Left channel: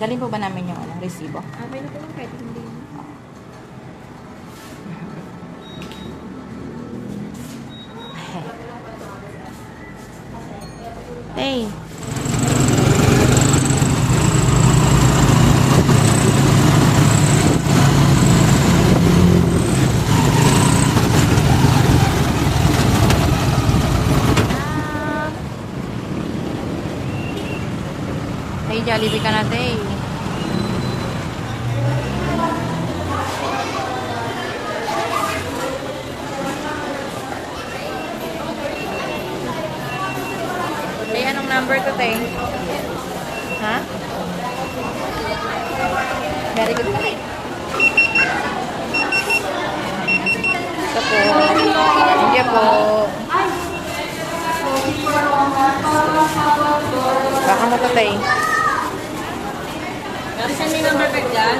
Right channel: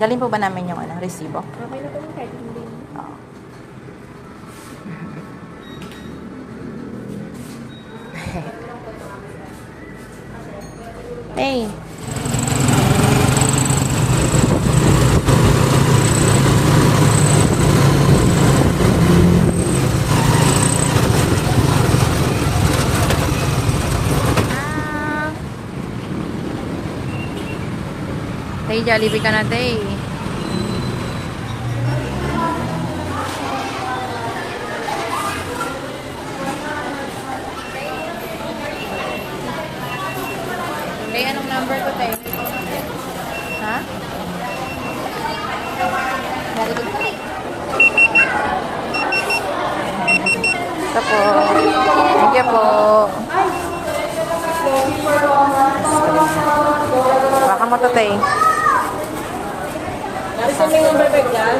Dalhin po ba namin yung resibo? Okay na po yung kahit hindi. Oo. Hey. Hey, Jollibee ka na, Tay. Tay, anong number ko, Tay? Ha? Very good, Tay. Ito po. Thank you po. Baka mo to, Tay. Nasaan may number bag dyan?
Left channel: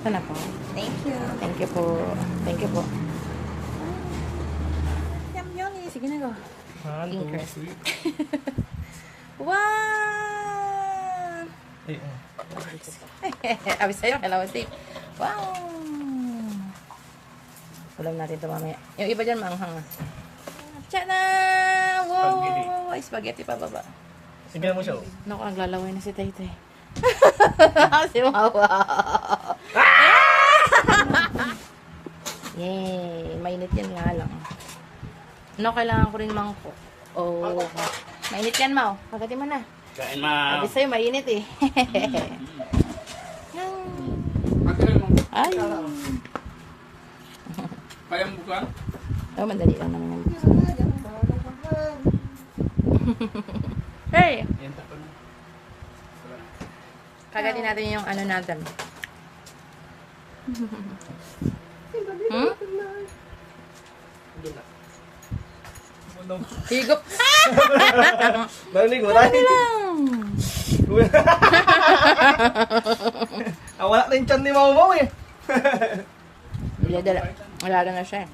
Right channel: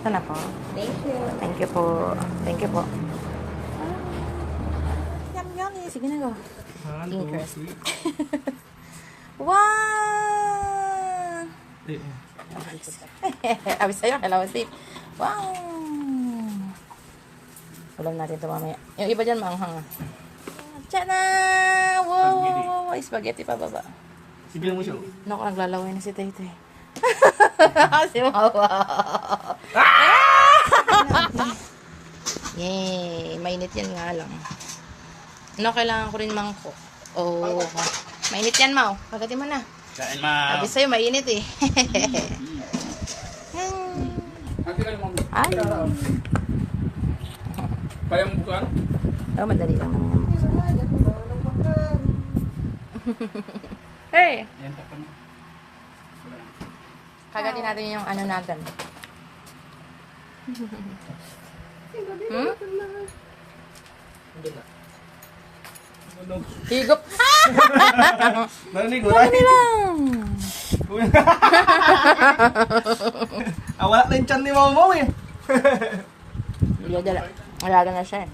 Ito na po. Thank you. Thank you po. Thank you po. Yum, yummy. Sige na go. Linkers. Wow! Abis sa'yo, kalamansi. Wow! Ulam natin ito mamaya. Yung iba dyan, maanghang. Tiyana! Wow! Spaghetti pa baba. Sige mo siya. Naku, naglalaway na si Taytay. Si Mawa. Yay! Mainit yan nga lang. Ano, kailangan ko rin mangkok. Oh, mainit yan, Mau. Pagatin mo na. Kain ma. Sabi sa'yo, mainit eh. Ay. Kayang bukan? Oh, madali lang naman yung buksan. Hey! Yan tapan. Kagatin natin yung ano natin. Hmm? Higop! Narinig mo Ano tayo. lang? Wala na yung chan ni Mau eh. Dala. Wala na siya eh.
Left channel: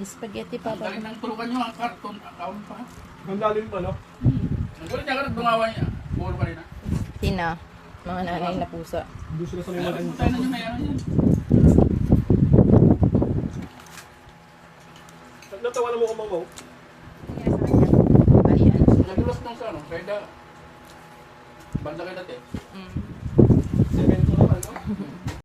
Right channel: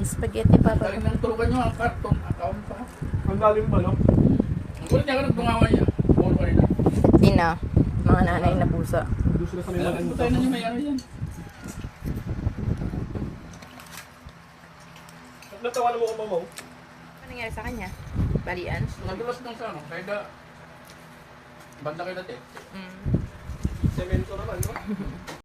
Spaghetti pa pa. Galing ng tulukan nyo ang karton. Account pa. Ang lalim pa, no? Ang gulit niya ka nagtungawa niya. Puro ka rin. Ina. Mga nanay na pusa. Hindi sila sa liman. Putay na niyo may ano yan. Natawa na mo ko, Mau. Ano nangyari sa kanya? Balian. Nagulas nung sa ano. Kaya da... Banda kayo dati. Semento naman, no?